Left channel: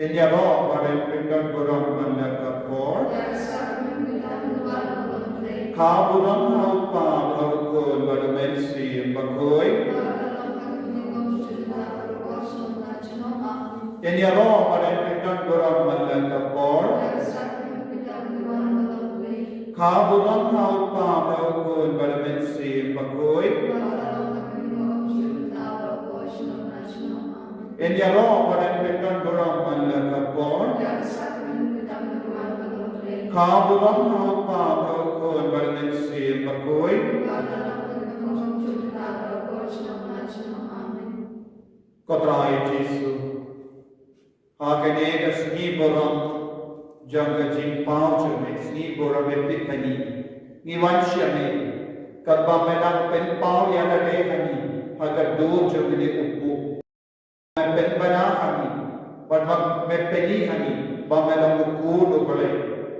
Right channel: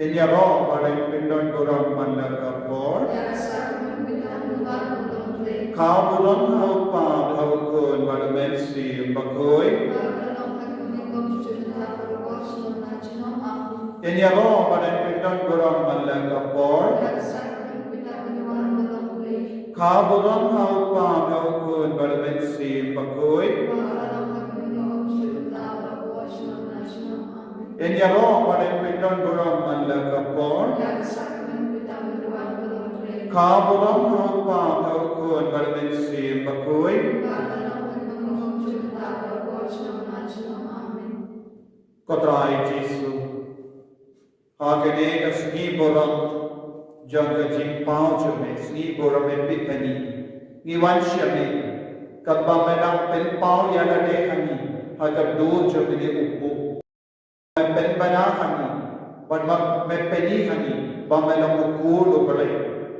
Enyaro pada pindon burung mandakapor. Kaburon haupa haukun pada mensi bakoi. Enyaro pada pindon burung mandakapor. Kaburon haupa haukun pada mensi bakoi. Enyaro pada pindon burung mandakapor. Kaburon haupa haukun pada mensi bakoi. Kotrai Jesu. Agane kasni borong jangga jimpau cume sni borong epitani ni wansya me kabba mena penpau yana de hani agar do jagane upu pen bana hani but me peni hani ba mena uku do balai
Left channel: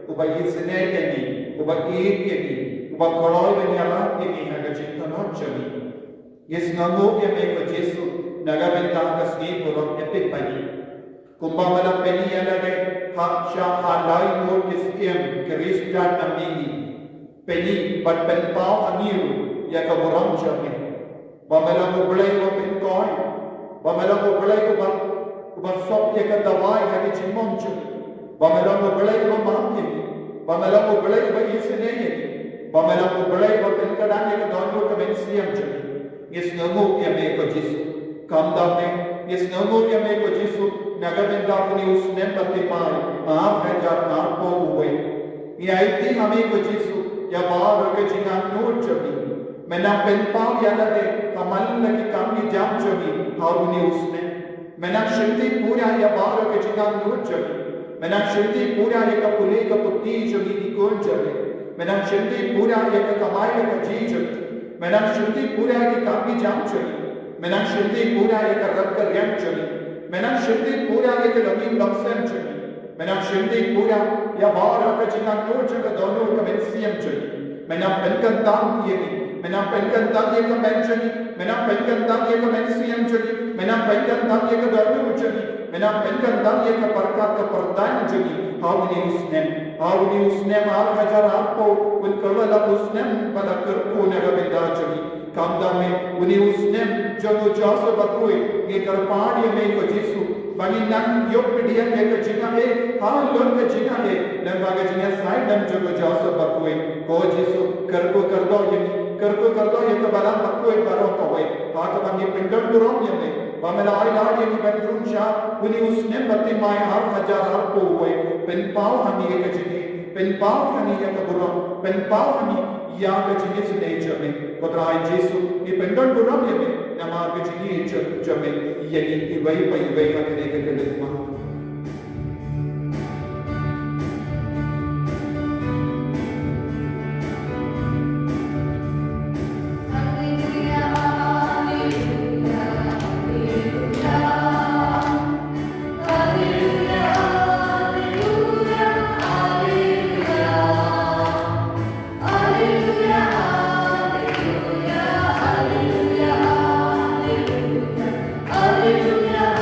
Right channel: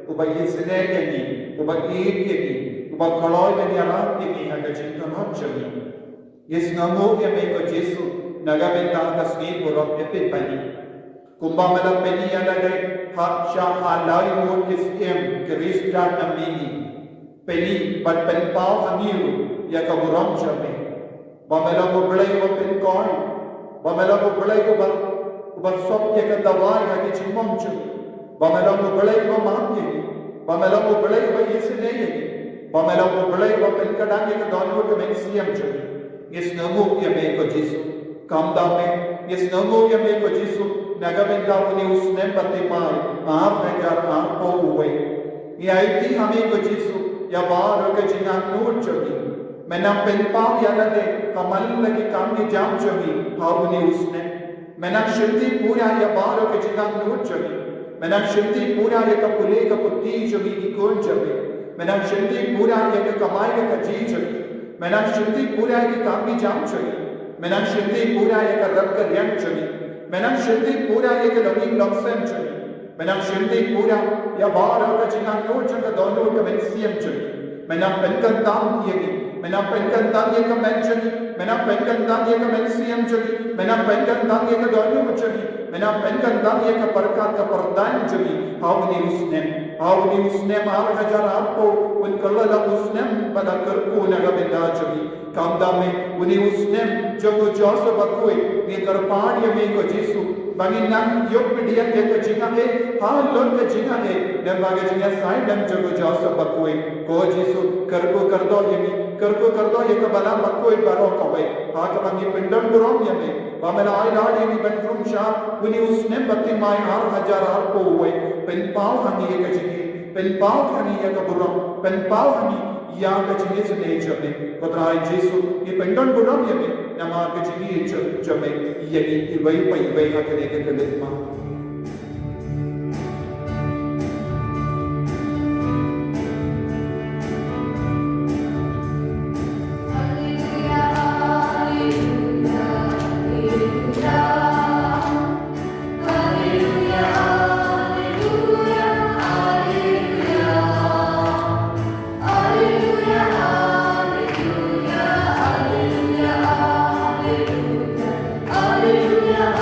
uba yisne yani uba eat yani uba koloi bani ala yani agar jintan hachami yes namu ya me ko Jesu naga benta kasni borong epitani Kumba mela peni yana de haksha halai mo kisiem Krista namini peni but pen pau aniru ya kaburam chame bamela ko belai ko pen koi bamela ko belai ko ba sop ya ka dawai ha ki chimong chame bamela ko belai ko mam ye bamela ko belai ko isne ye bamela ko belai ko pen kadang ya ka dono ka men siam chame yes namu ya me ko Jesu kam da me yes namu ya me ko Jesu Nagamenda uni usne patimai aap हजार aap po huए ये आईती हमें को जीसु या बाहर के जिना नूर चवी मैंने pen पाव या लगे कमल लगी काम की जाम चवी हाँ उन्हें उसने मैंने शिल्दी पूरा या बाहर के जिना नूर चवी मैंने शिल्दी पूरा या कपुले का पुत्ती चवी की कौन चवी मैंने शिल्दी पूरा या कमाई का जी चवी मैंने शिल्दी पूरा या काम की जाम चवी मैंने शिल्दी पूरा या रब का रियंग चवी Menang shindi pura ye ke longing long sem chuni. Menang shindi pura ya bara ka jinang no changa dono ka men siam chuni. Menang penkan tam ye ni. Menang penkan tam ye ka men chuni. Menang penkan tam ye ka men siam chuni. Menang penkan tam ye ka dono chuni. Menang penkan tam ye ka parkat ka pardan chuni. How ni usnem aap हजार आपको उन कल्ला usnem pada करको नगा बेदा चुनी कामदा में उन्हें उसने जब जासो बकोई ये करपान ये में को जीसु बनी नंग योग पिडिया के को जिना है हाँ लोन के जिना है नंबागे जिना साइड नंग जब जासो बकोई को जीसु करको कर दो ये तो बना बकोई बरो कोई हाँ कब ये पिंडन दुरों ये में बामेला आई लाड ये नहीं बंदरूम शाह उन्हें उसने बत्ती माय आर हजार आर को हुए पेन पाव हनी ये कचिनी पेन पाव हनी ये कबुरों पेन पाव हनी या कचिनी से नहीं जमे कतराई जीसु ये पेंडन बुरां ये में नमार कचिनी जमे ये नहीं वही हाँ कने के करने मां Hallelujah.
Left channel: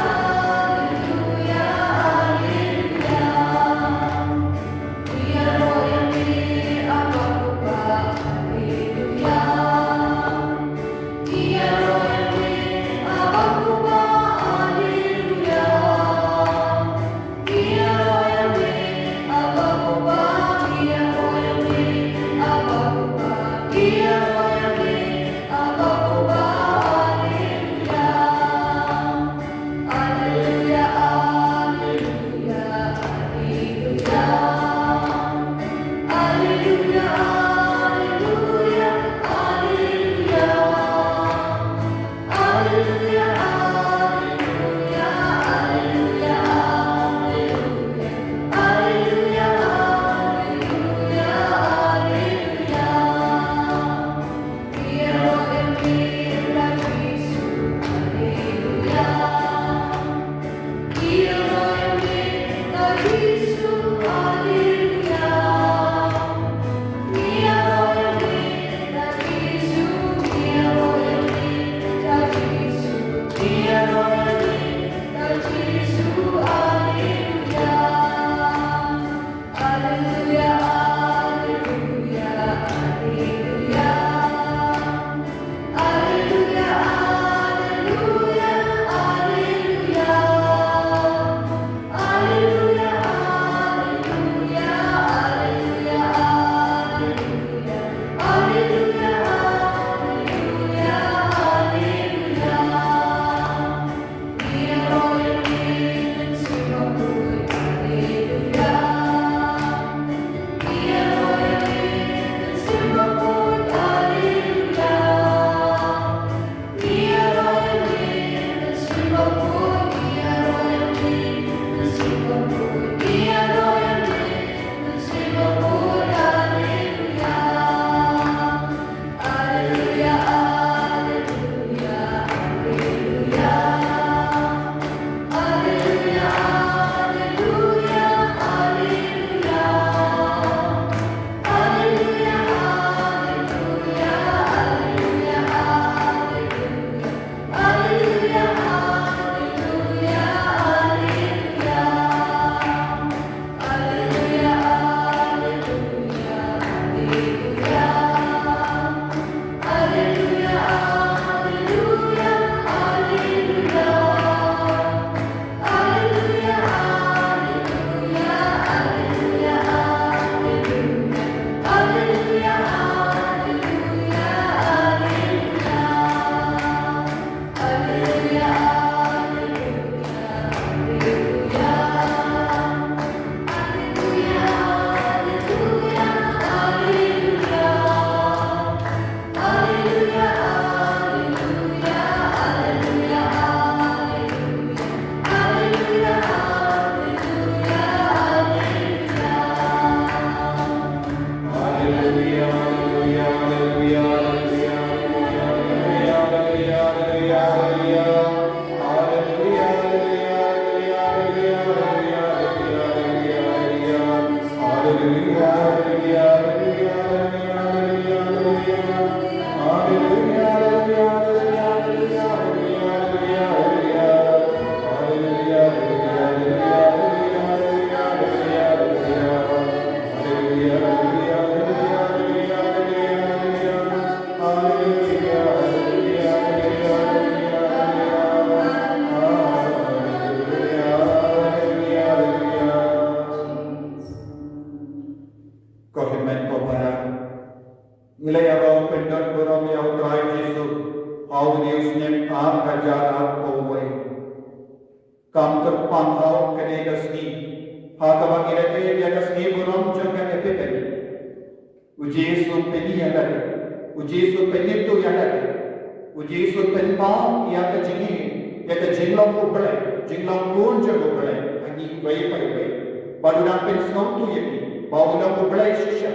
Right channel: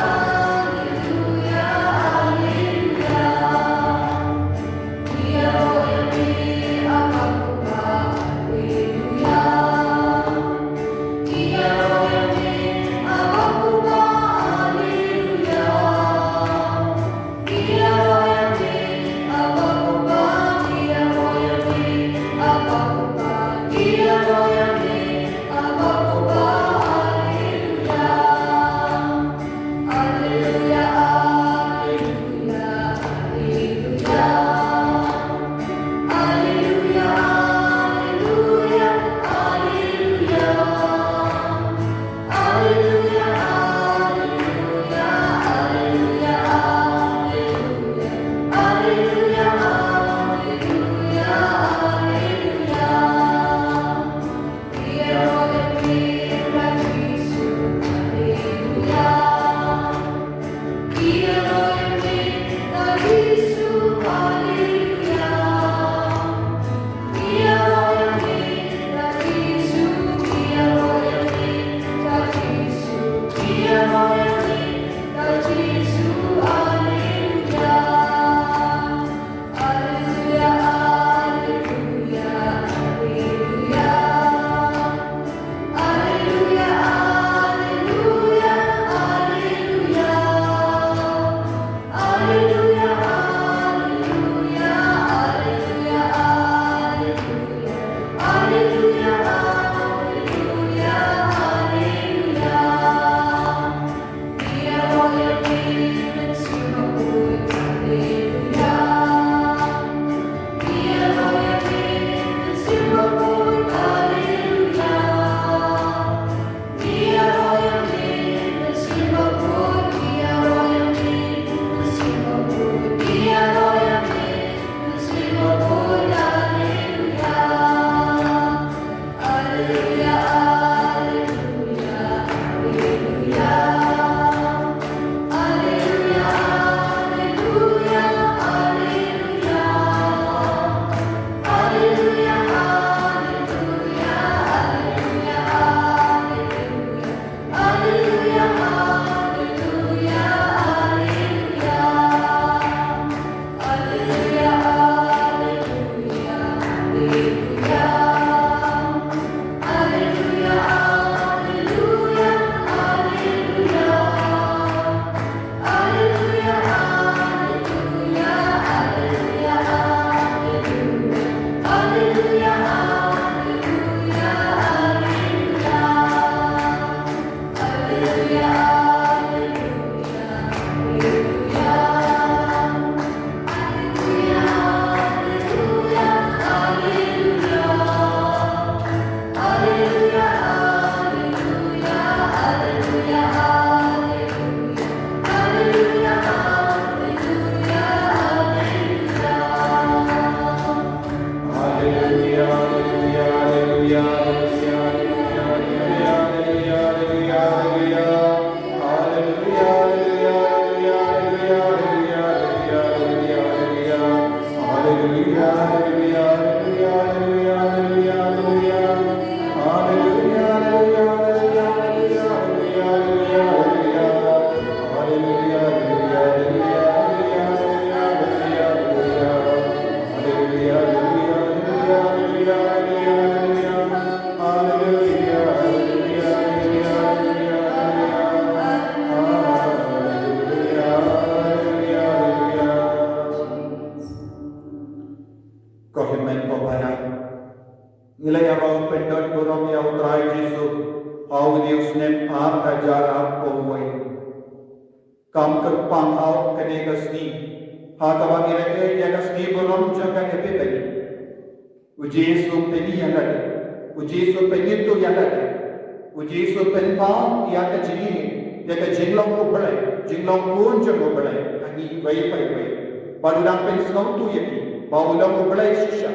Badulang pensau tu yang badulang berbelai sisya,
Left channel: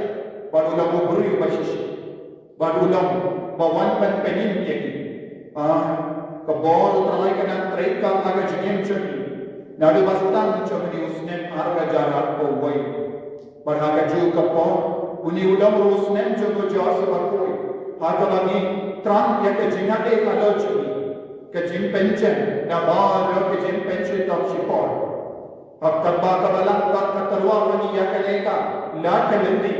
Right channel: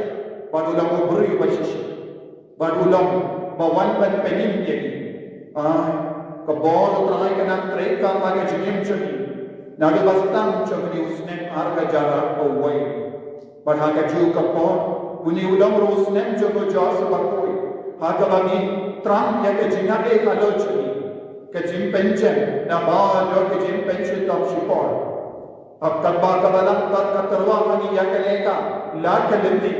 badulang berberi bersisya, badulang bawan ban penim yang kebor terai kena mereka maga jenim cumi, nadu bastang cumi usnem arga jarak powai, berhaga ju kebor uni ulang usnem cumi jasa bakoi, haga bagi terang yang kejingat kalau cumi, kejim pencen, nabal kejim pencen tak sipor. अब कब्बा कबला कतरवा कनी या कलेगा लाट कलंदी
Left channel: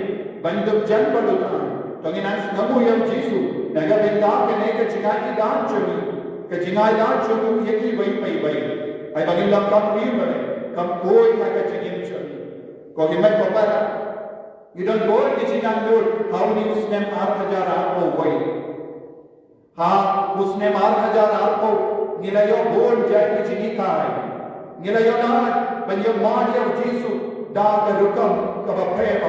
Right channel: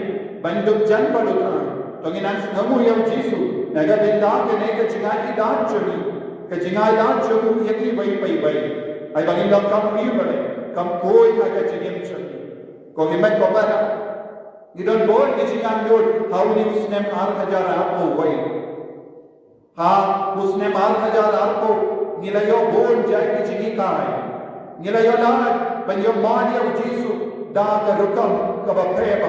बंदुक जन पड़ुता तो गिनास नमु यम जीसु नगा बिंदा कने के जिनाई दान चुनी के जिनाई दान चुनु यकी वही पई वही आई बगिन लोग कम नहीं बने कम कोई था के जिगिम चुनी को हिम्मत कोबरा you don't go के जिनान लोड how ni उसने मार हजार आपको वही हाँ उसने मार हजार आपको निलायो बोल जाए के जिगी कहाँ है निलायो नाट When your body of Jesus dark and rukam kabape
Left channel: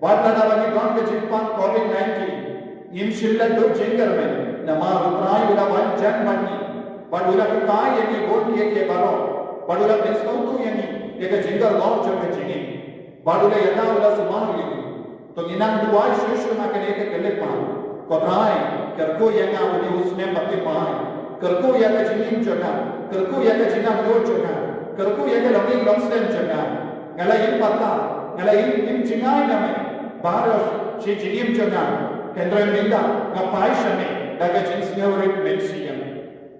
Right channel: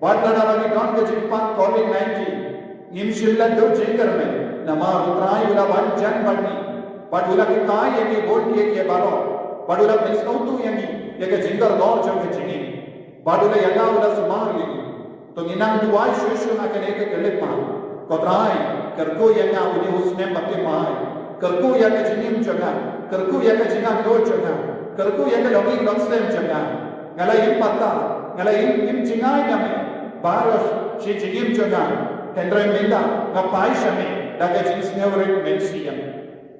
Wadana bagi don ke jimpa COVID-19 Nim shilla do jingar me Nama utrai ula wan jan bani Badula ke kai yengi bol ke baro Badula pensau tu yengi Yeka jingar law jo me jingi Badula yana ula sumar yengi To ninang duai shushu na kene ke kelek ma Kodrai kerko yana uli usne pati maai Kerko yaka jingim jaga Kerko yaka jingang do jaga Kerku yang kelongi longsem jaga, ngalai pata, ngalai jingai name, baros si jingim jaga, hendren minda, ngapai shame, daga jins neurik mensiam.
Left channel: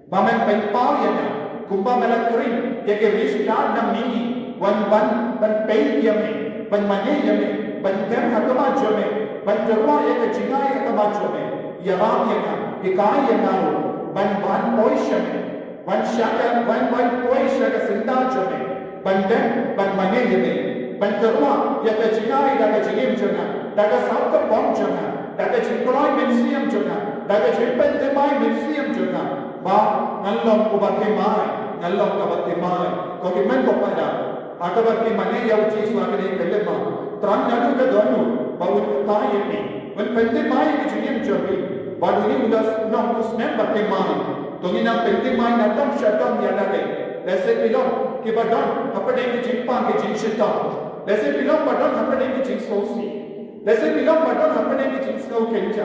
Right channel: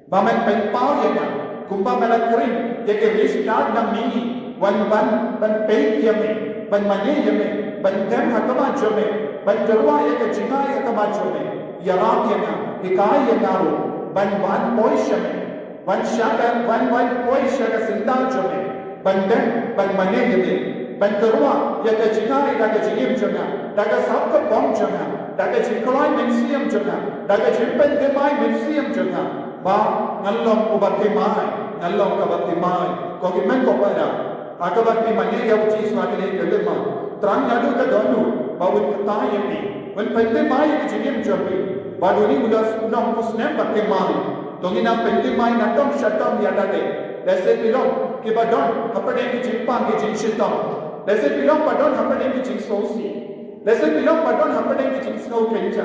Bamen penpau yana, kumpa melakring, yake restart na mini, wan ban pay yame, ban mane yame, ban tem hakama jome, ban kerwa yake jingai hakama jome, yaram yana, ikai yana, ban boy shame. Wan shaka, wan koi shaka sinda jome, ban dem, ban mane yame, ban kerwa yaka jingai daga jingim jaga, daga sabka bom jaga, daga jinkolai mensiam jaga, daga jimpen demai mensiam jaga, ba ngalong ubate mai, ngalong kabate mai, koki men ko pada, akabate mane yau cheese wagane kelema, terang nadu ka donu, bawut kata yame, wan pente mai ki jingim jome, baduni ulas unam usnem bate mai. Tungina penting main atom shutdown yada de. Lese pilom ki badon apade ki jimpa ki jinshita. Lese pilom badon apade ki jinsosi. Lese pilom badon apade ki jinsno kenja.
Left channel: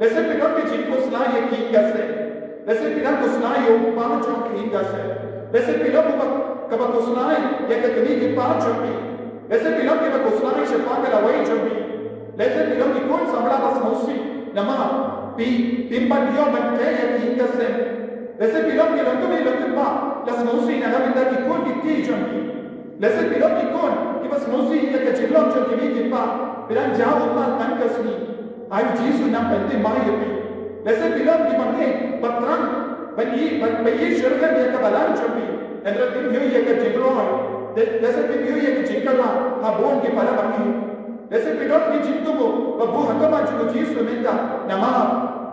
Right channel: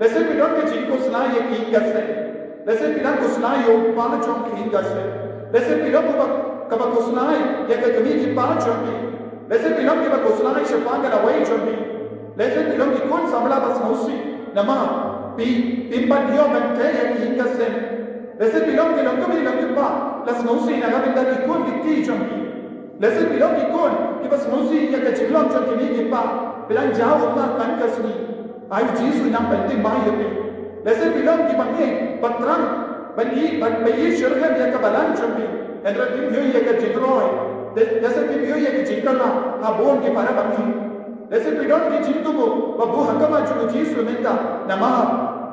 Lese pilom ki jinko sna ye ki gase. Lese pilom ko sna yo panachom ki gase. Lese pilom ko ba ko sna ye ka kami ki panachom ki. Lese pilom ki ba ko sna ye shapanga la wai jombi. Lese pilom ki kon samla bas mosi. Nama pimpan yo ban ke ye ki gase. Lese pilom ke longo me longo ba las nosi na gaminda ki kon ki ti jombi. Lese pilom ki kon ki bas nosi ya ka jilom jom ki ni ba bilang jauh Allah tan kasni. Ayu Yesus nam pente mai yepi. Lese pilom ki bangi patrang bayi syurga ya ka balan jombi. Endra pim yo ya ka jigroi. Lese pim yo ya ka jingkala ha bon ki para bangi. Lese pilom ki jintubo babu hakama jom Yesus menda nama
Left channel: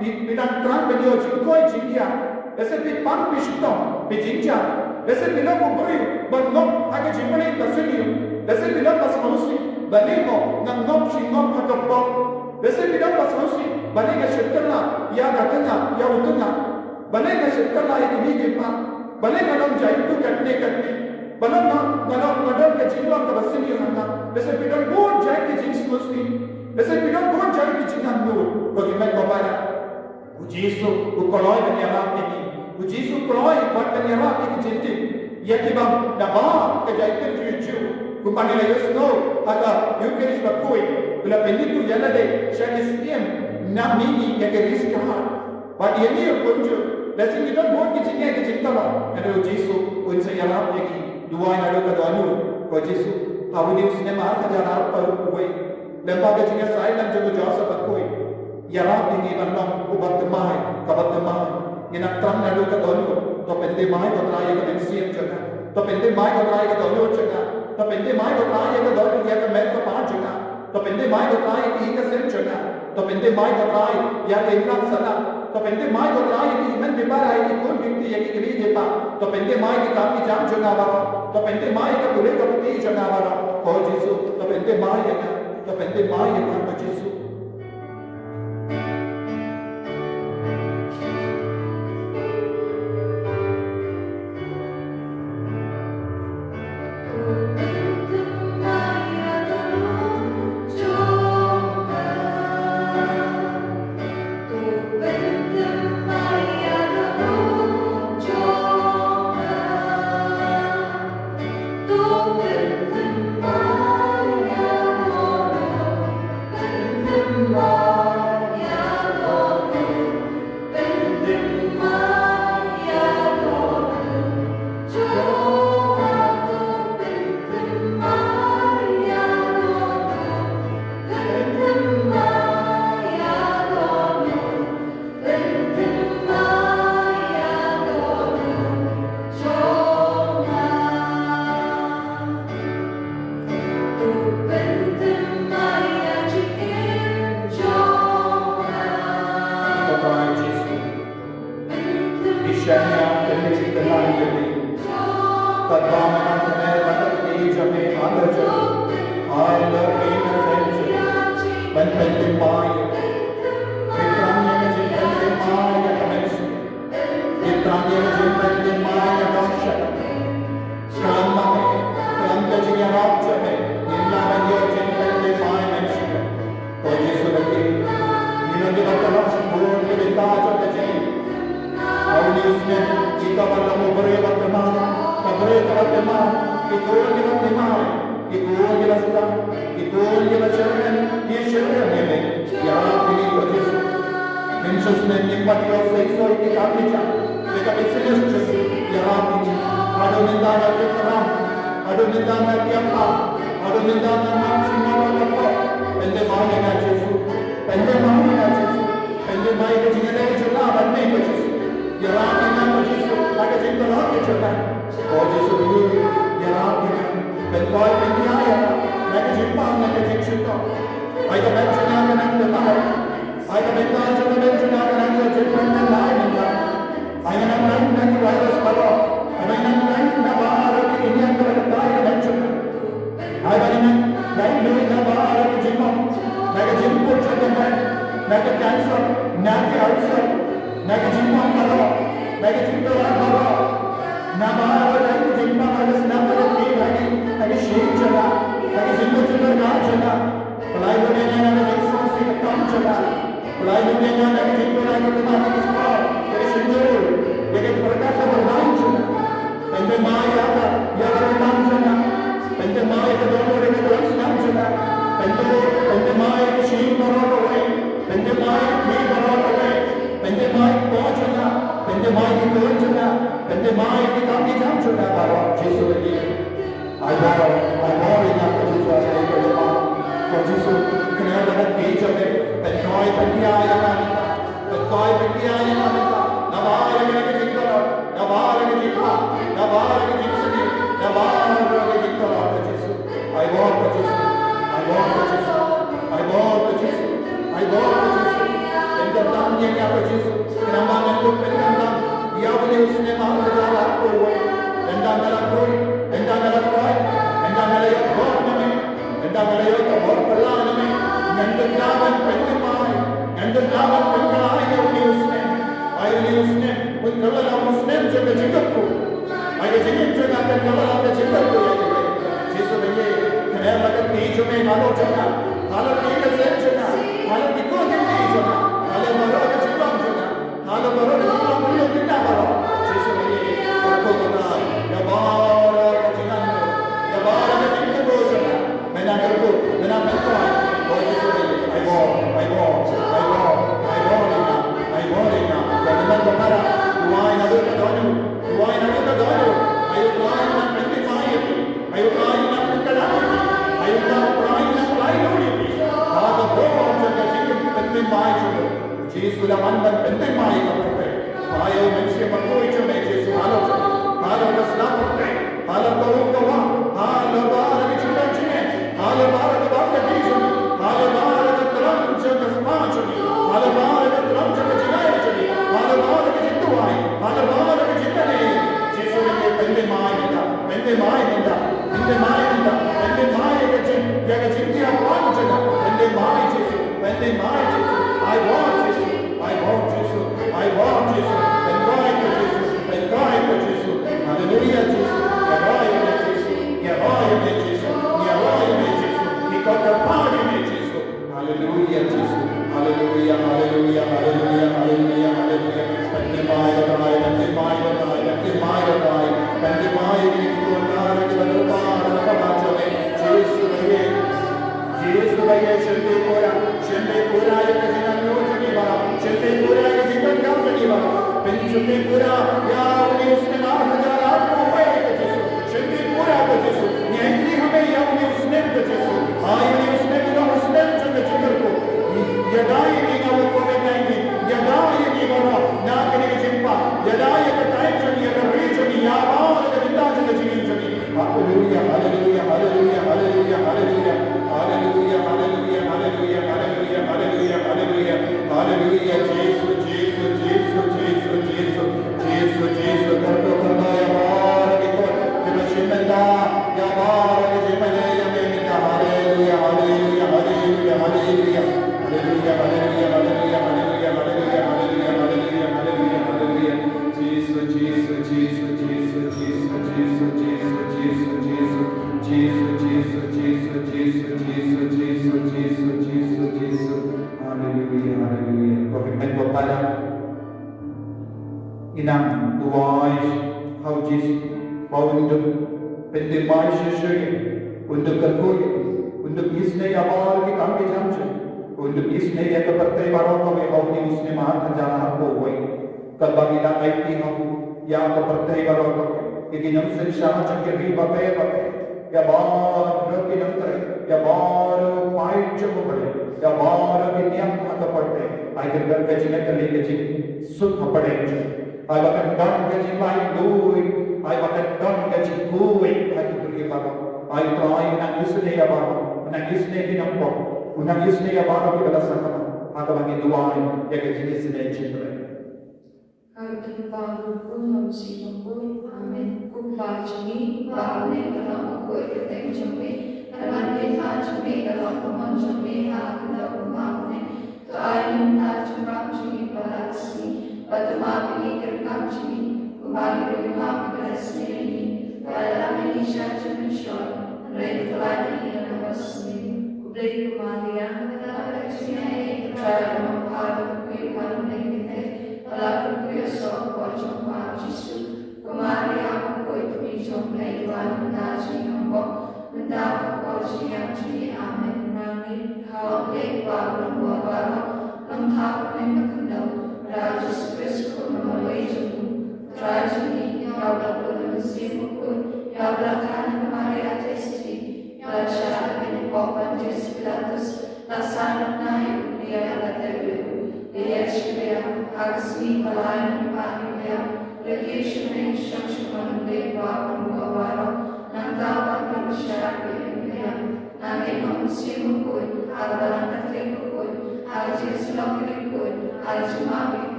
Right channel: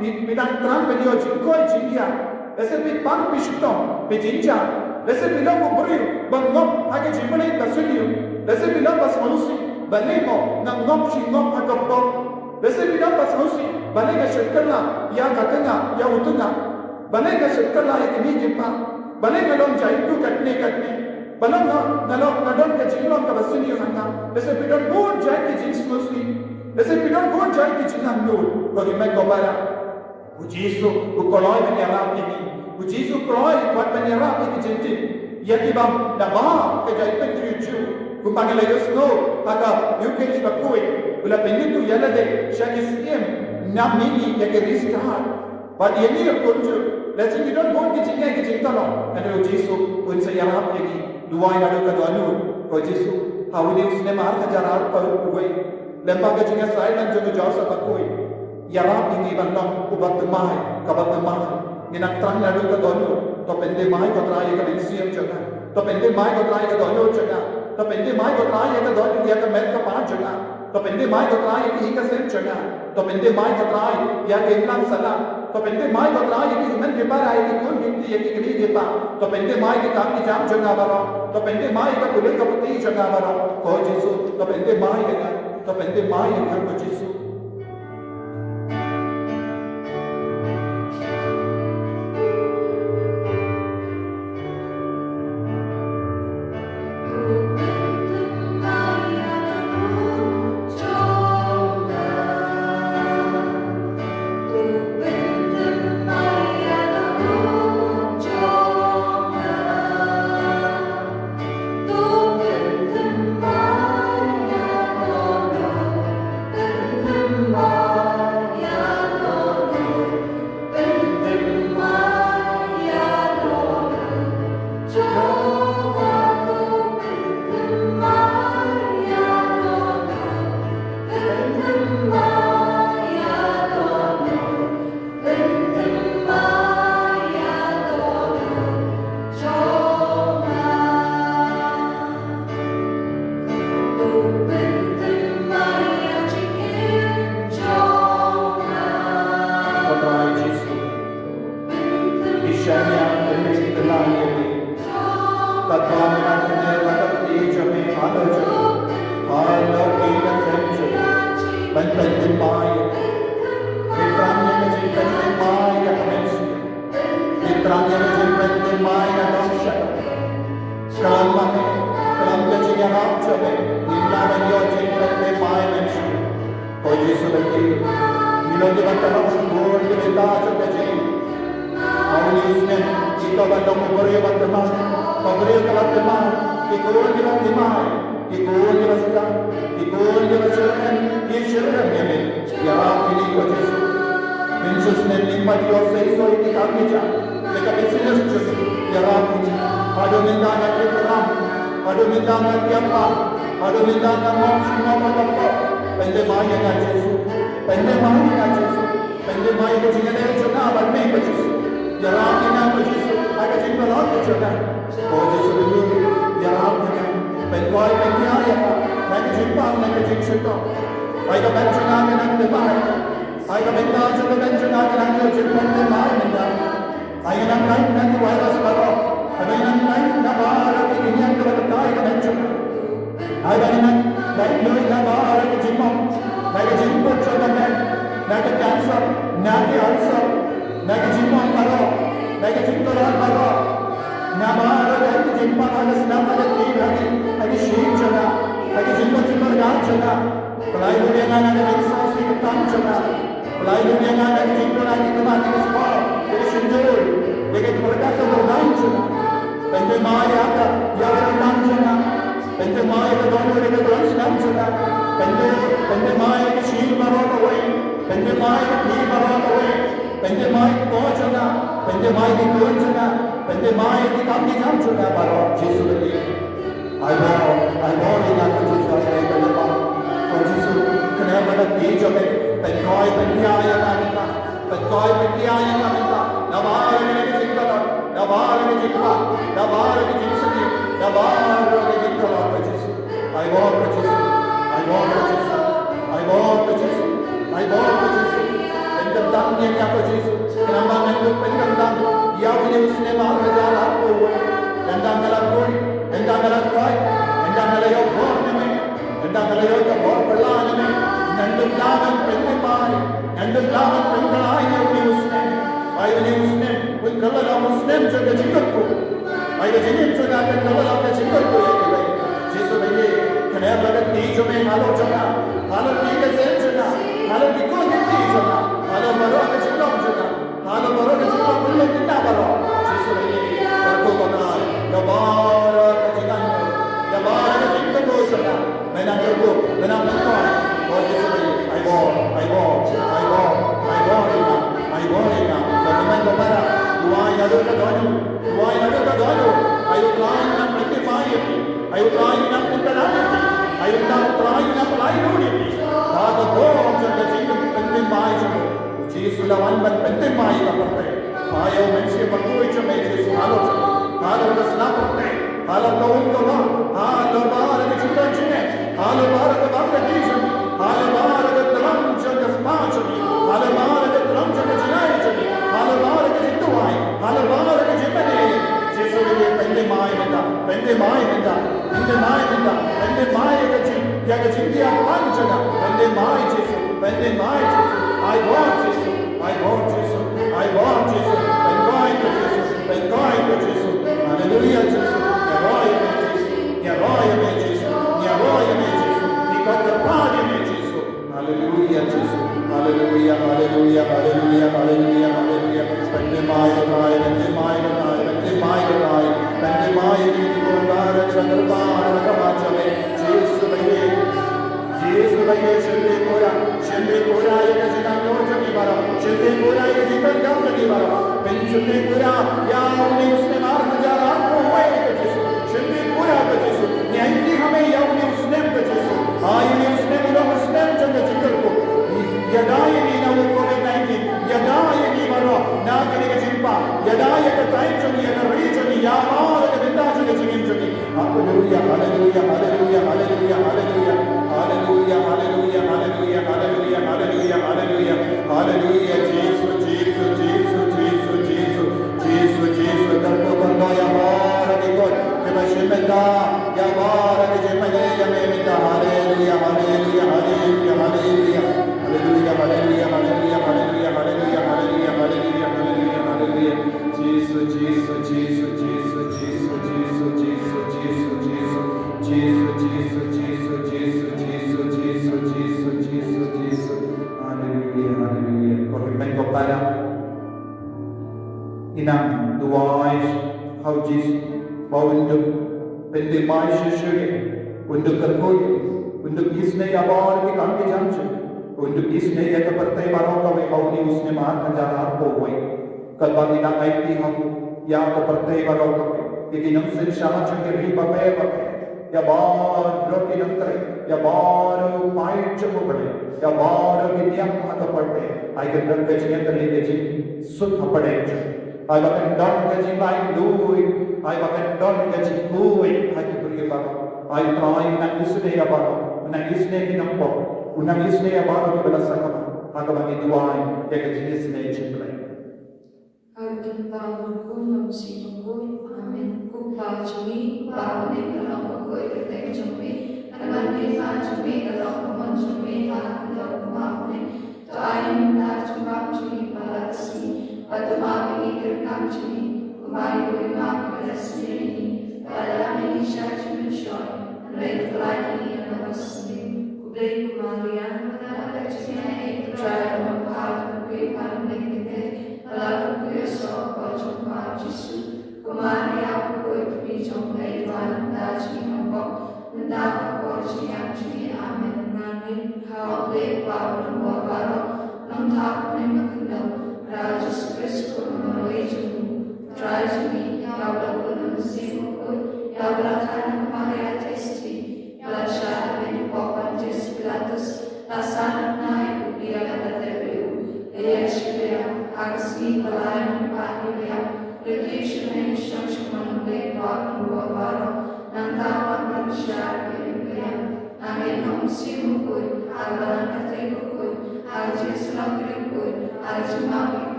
bilang terang benyo jingkoi jingia. Lese pi pang pishitong pijinja. Lese pi long ubri bangom hake jimbani basiliu. Lese pi long bas manusi balemo nang ngom shingom hakappo. Lese pi long bas manusi balenga shirkala ya gatanga ya utunga. Balenga shirkala ya kini jimpa. Balenga long jaitu katne. Balenga nadon ka jinglong ka basiliu hanta. Lese pi long bon jai ki jins manusi. Lese pi long bon jai ki jinandu. Bagi mek kobara. Ujisu ukoloi menyerap ini. Ujisu koloi buat menyerap ini jinti. Ya kibam nama kejaitan tujuh. Kumpanggil Yesus no, aga yukeris bakui, ula penditu yala de shakisiem namini yakeris kahar. But yeni kunju, let's you don't want to get tala, and you Jesu when say yarap yaki, duai nadu kadanu, ko Jesu, how would you snema hajar paruway, lemba getting a silent to the Joseph bakui, yarap in even long ubat the mai, kabat the mai, in a tran nadu kadonu, to pende mai kotraya kabensiam chaka, to pende mai kotraya kadonu chaka. तो पेंदे my को ताय का दो या का मैं का पांच जगह तो पेंदे माय को ताय की एक सेम जगह तो पेंदे माय को ताय या के एक लाख सला तो पेंदे माय को ताय की हिमन के बार आई की कौन व्यक्ति या की कभी देपा तो पेंदे माय की काम की जाम जगह बारो तो पेंदे माय का पुले का पुती जगह बारो को जीसु तो पेंदे माय का को जीसु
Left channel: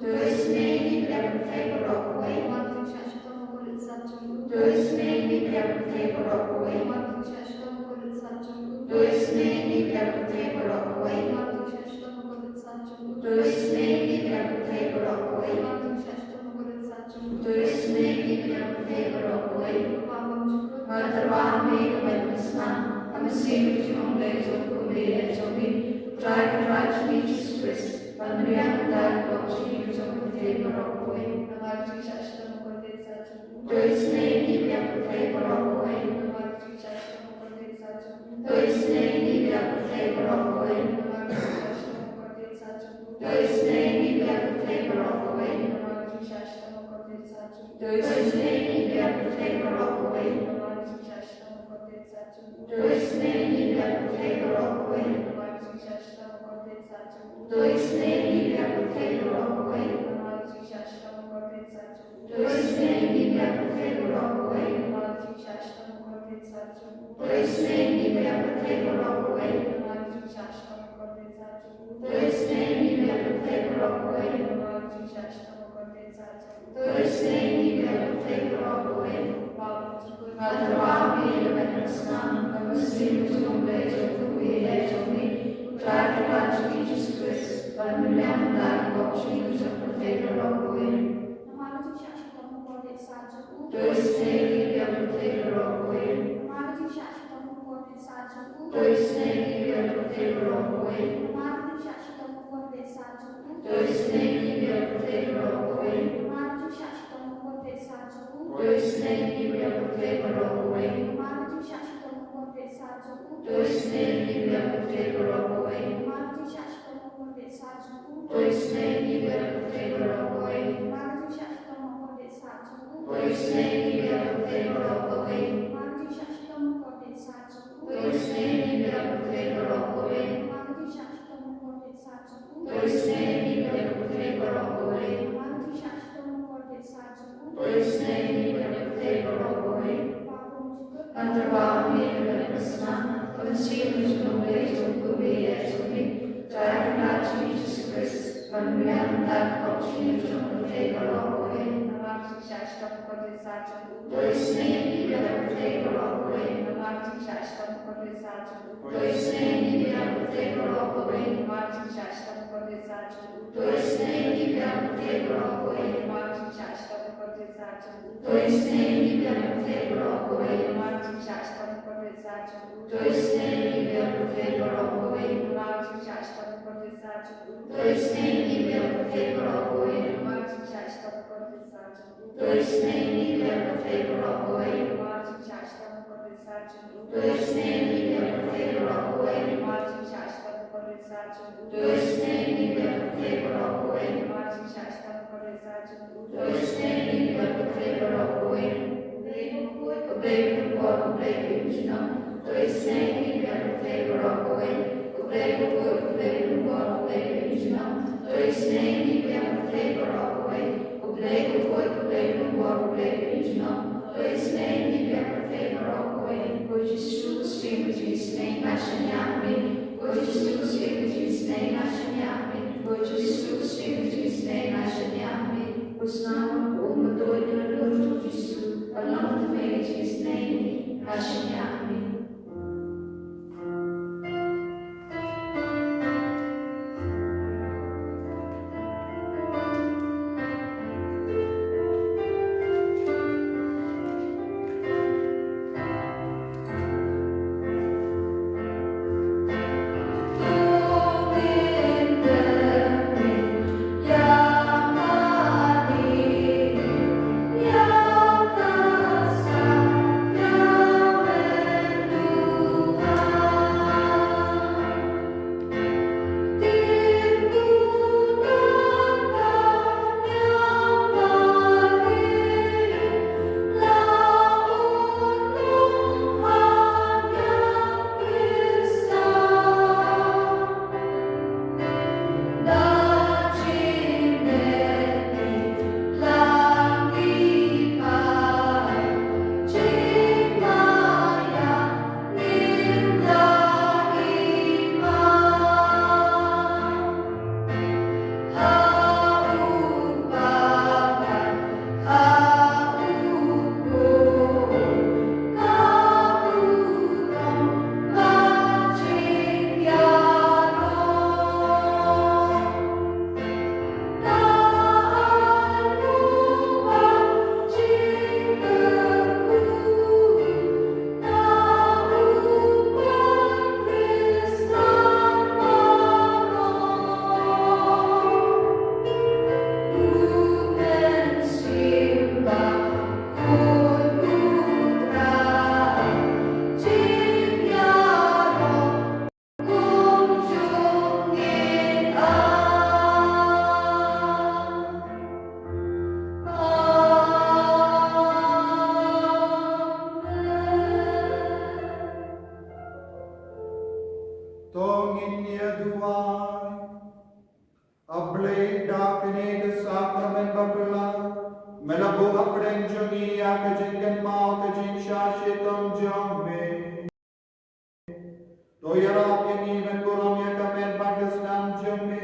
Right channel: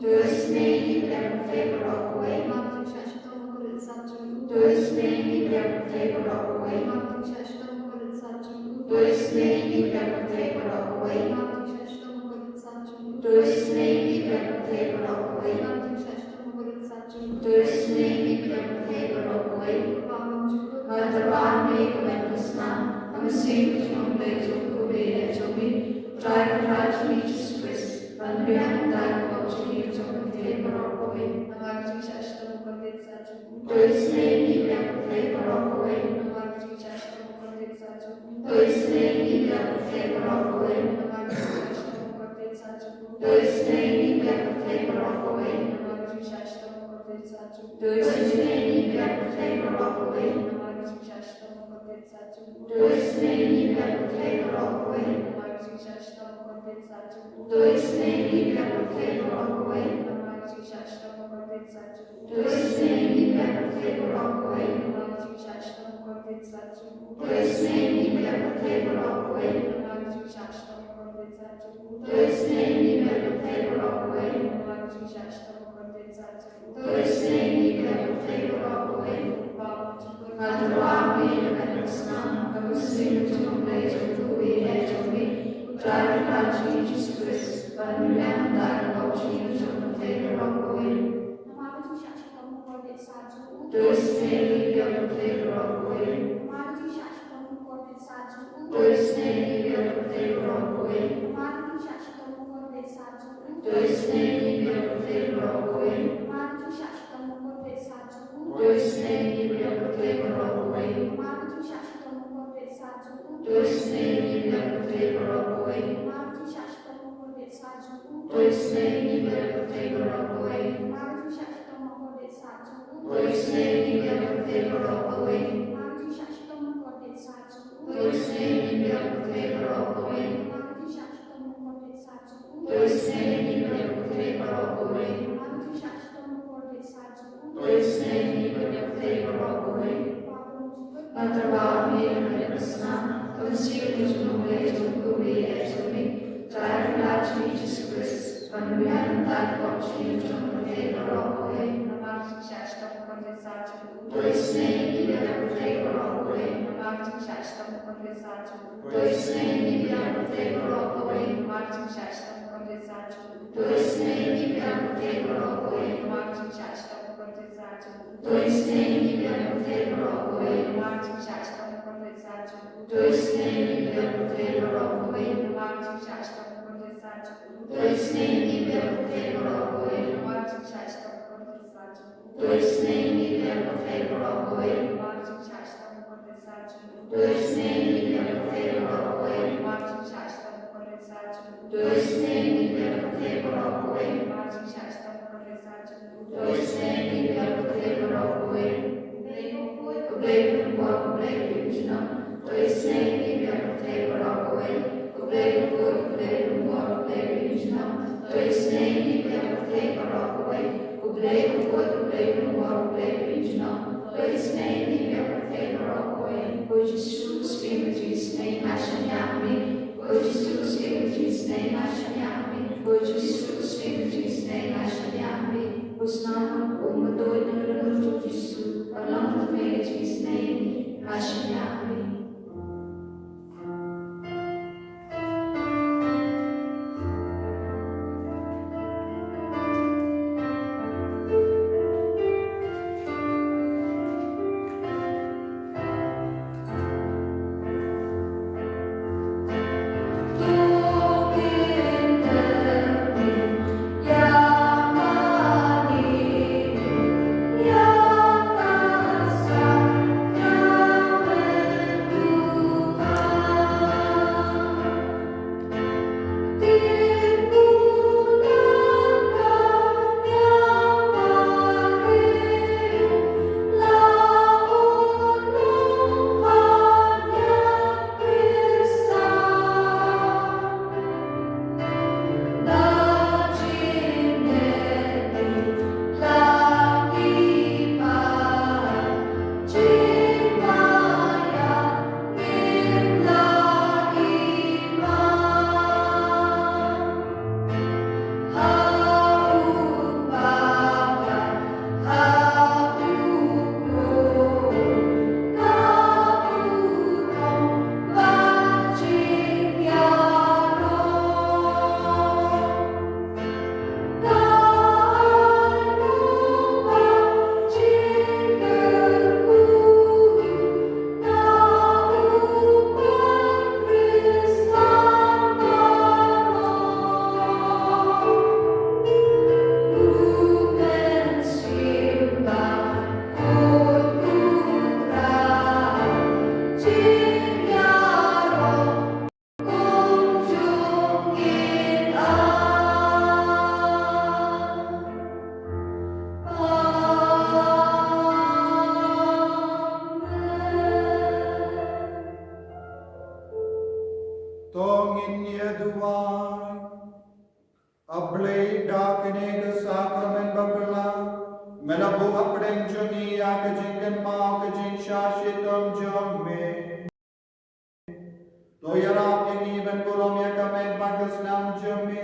Tu esi mīlība, Tevi rokoji. Tu esi mīlība, Tevi rokoji. Tu esi mīlība, Tevi rokoji. Tu esi mīlība, Tevi rokoji. Tu esi mīlība, Tevi rokoji. Gatavāmi, Vatnasnām, Amasīvi, un beidzot, kubīriecomi, Trāja Jesus Christ, Panvienu dārgu apsīvicomi, Tevi rokoji. Tu esi mīlība, Tevi rokoji. Tu esi mīlība, Tevi rokoji. Tu esi mīlība, Tevi rokoji. Tu esi mīlība, Tevi rokoji. Tu esi mīlība, Tevi rokoji. Tu esi mīlība, Tevi rokoji. Tu esi mīlība, Tevi rokoji. Tu esi mīlība, Tevi rokoji. Tu esi mīlība, Tevi rokoji. Tu esi mīlība, Tevi rokoji. Gatavāmi, Vatnasnām, Amasīvi, un beidzot, kubīriecomi, Trāja Jesus Christ, Panvienu dārgu apsīvicomi, Tevi rokoji. Tu esi mīlība, Tevi rokoji. Tu esi mīlība, Tevi rokoji. Tu esi mīlība, Tevi rokoji. Tu esi mīlība, Tevi rokoji. Tu esi mīlība, Tevi rokoji. Tu esi mīlība, Tevi rokoji. Tu esi mīlība, Tevi rokoji. Tu esi mīlība, Tevi rokoji. Tu esi mīlība, Tevi rokoji. Tu esi mīlība, Tevi rokoji. Gatavāmi, Vatnasnām, Amasīvi, un beidzot, kubīriecomi, Trāja Jesus Christ, Panvienu dārgu apsīvicomi, Tevi rokoji. Tu esi mīlība, Tevi rokoji. Tu esi mīlība, Tevi rokoji. Tu esi mīlība, Tevi rokoji. Tu esi mīlība, Tevi rokoji. Tu esi mīlība, Tevi rokoji. Tu esi mīlība, Tevi rokoji. Tu esi mīlība, Tevi rokoji. Tu esi mīlība, Tevi rokoji. Tu esi mīlība, Tevi rokoji. Tu esi mīlība, Tevi rokoji. Tu esi mīlība, Tevi rokoji. Tu esi mīlība, Tevi rokoji. Would you still speak with His name, Ashanyami? Would you still speak with His name, Ashanyami? Would you still speak with His name, Ashanyami? Was not uma doida no Cristo, a nome de His name, Ashanyami. kini ke sakramen bapela melabu apdeng jongi ya ke jingken mau ke jing shashitom jomme toyara pini ben burom ya kamen bagas nam jomme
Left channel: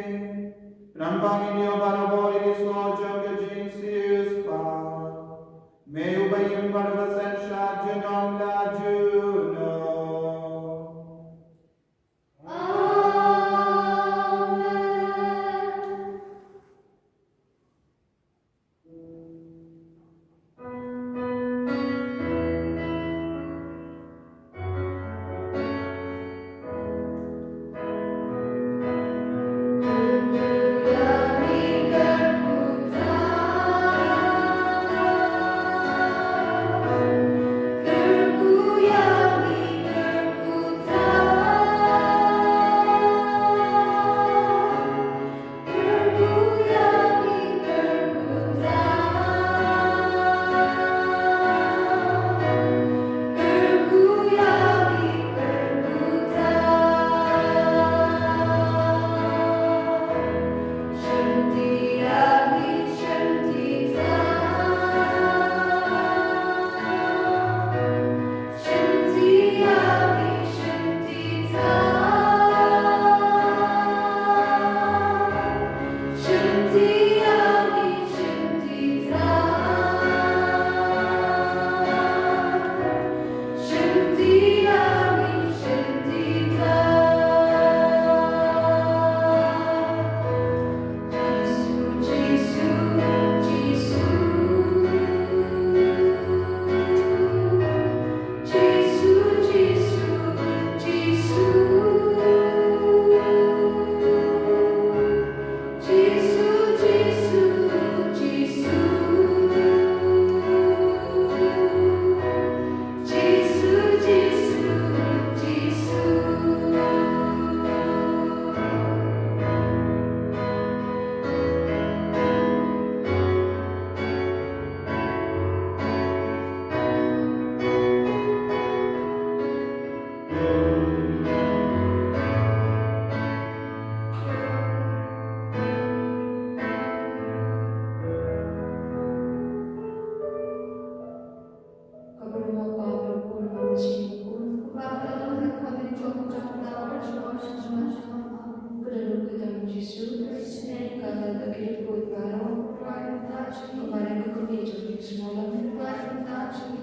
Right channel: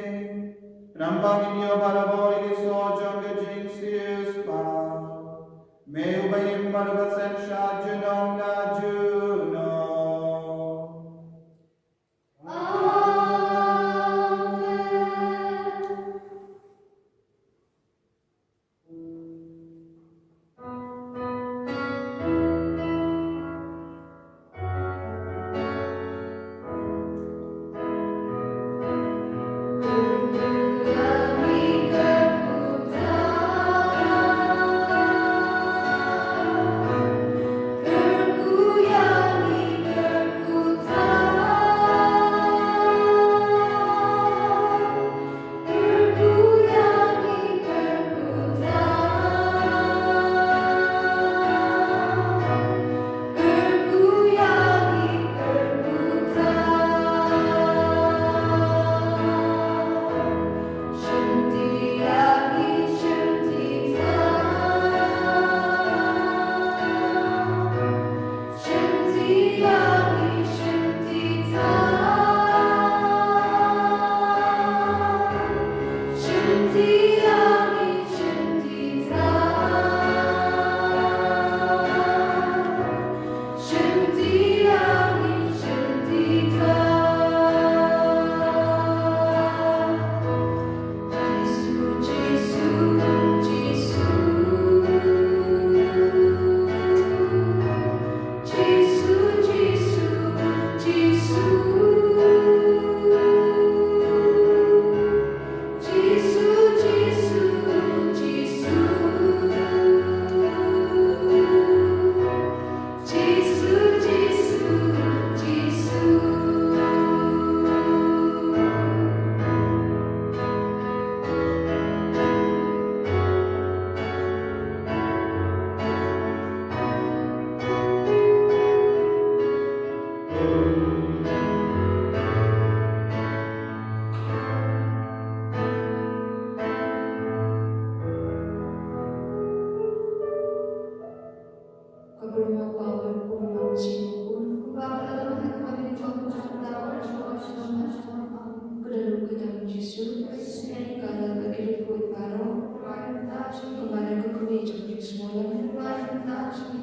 rambang inyo barabori ke so jong ke jing sius pa me ubayim barbasen shad junom la juno. Kemarin ke gereja semalam,